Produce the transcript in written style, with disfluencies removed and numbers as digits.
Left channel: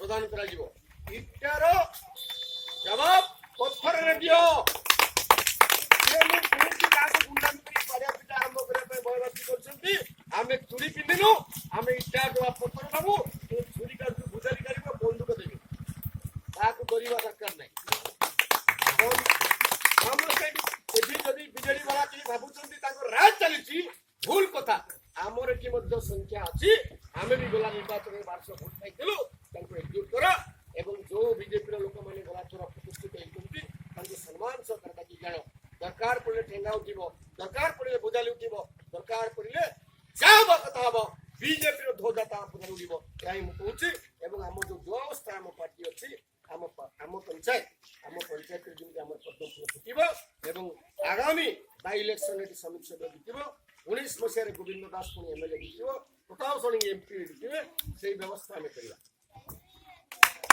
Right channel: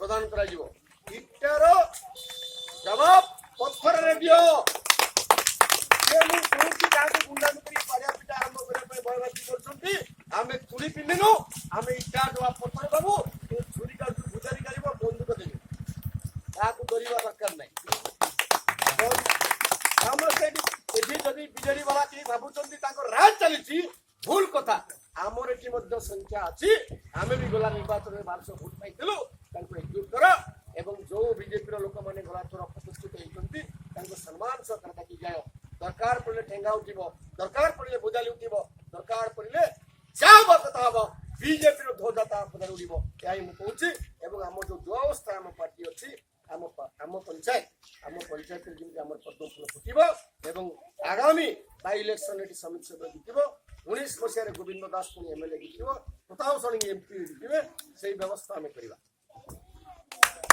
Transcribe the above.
ପ୍ରଦାନ କରାଯିବ। ଇଟାର ଜବାବ ପଥରରେ ଦିଅ। ମୁଁ କୌଣସି କାହାକୁ ଗୁଣ୍ଡାମି କରି ପାରିବା ପିଟା ଆରମ୍ଭ କରିବା ପାଇଁ ଭୟଭକ୍ତି କରୁଛନ୍ତି। ଆମେ ଚୁଡ଼ି ପିନ୍ଧିନୁ, ଆମେ ଇଟା ଜବାବ ପଥର ଦେବୁ। ଛୁରୀ କାଢୁ ଭୁଜାରୀ କାଢିବ, ବନ୍ଧୁକ ଦେବି, କାହାକୁ କରିବା ଦରକାର ନାହିଁ। ଆମର ସେଇଠି ଏଠି ଯଦି ବିଜେଡି ବାଲା କେହି ଭାବୁଛନ୍ତି ତାଙ୍କର ରାଜ ଚାଲିଛି, ଭୁଲ କଥା। ଆମର ଏଠି ମଧ୍ୟ ସଂଖ୍ୟା ଅଛି। ଆମେ ବି ଗଲା ନିର୍ବାଚନରେ 1200 ଭୋଟ ପାଇଥିଲୁ। ତାଙ୍କୁ ଏକଜୁଟ କର ଏବଂ ଯୋଉ ବିଜେପିର ଲୋକମାନେ ଗଲାଥର ପ୍ରତିଷ୍ଠିତ ହେଇଛନ୍ତି ତାଙ୍କୁ ସମ୍ମାନ ସହକାରେ ଡାକି ଯାଅ। ଦରକାର ପଡ଼ିଲେ ଠେଙ୍ଗା ଉଠିବ, ଦରକାର ପଡ଼ିଲେ ବୋଜାଲି ଉଠିବ, ଦରକାର ପଡ଼ିଲେ ଯାହା ହବା କଥା ହବ। ବିଜେପିର ଧ୍ୱଜା ତା ପଦାରେ ଉଡ଼ିବ। ଏହା ହିଁ ମୁଁ କହୁଛି। ଏବଂ ଆମର ଯୋଉ ଅବସ୍ଥା ଆମ ପାର୍ଟି ଅଛି, ଆମ ପଞ୍ଚାୟତରେ ଯେମିତି ଆମର ପଦ୍ମ ଫୁଲ ଫୁଟିବ ଏବଂ ଆଗାମୀ ବାଇ ଇଲେକ୍ସନ ଏଠି ସମିତି ସଭ୍ୟ ଜିତିବ। 19 ମସିହାରେ ଗୋବିନ୍ଦ ଦାସ ପୁଣି MLA ଜିତିବ, ପ୍ରତାପ ଷଡ଼ଙ୍ଗୀ MP ଜିତିବେ। ସେଇ ବ୍ୟବସ୍ଥା ଆମେ କରିବା।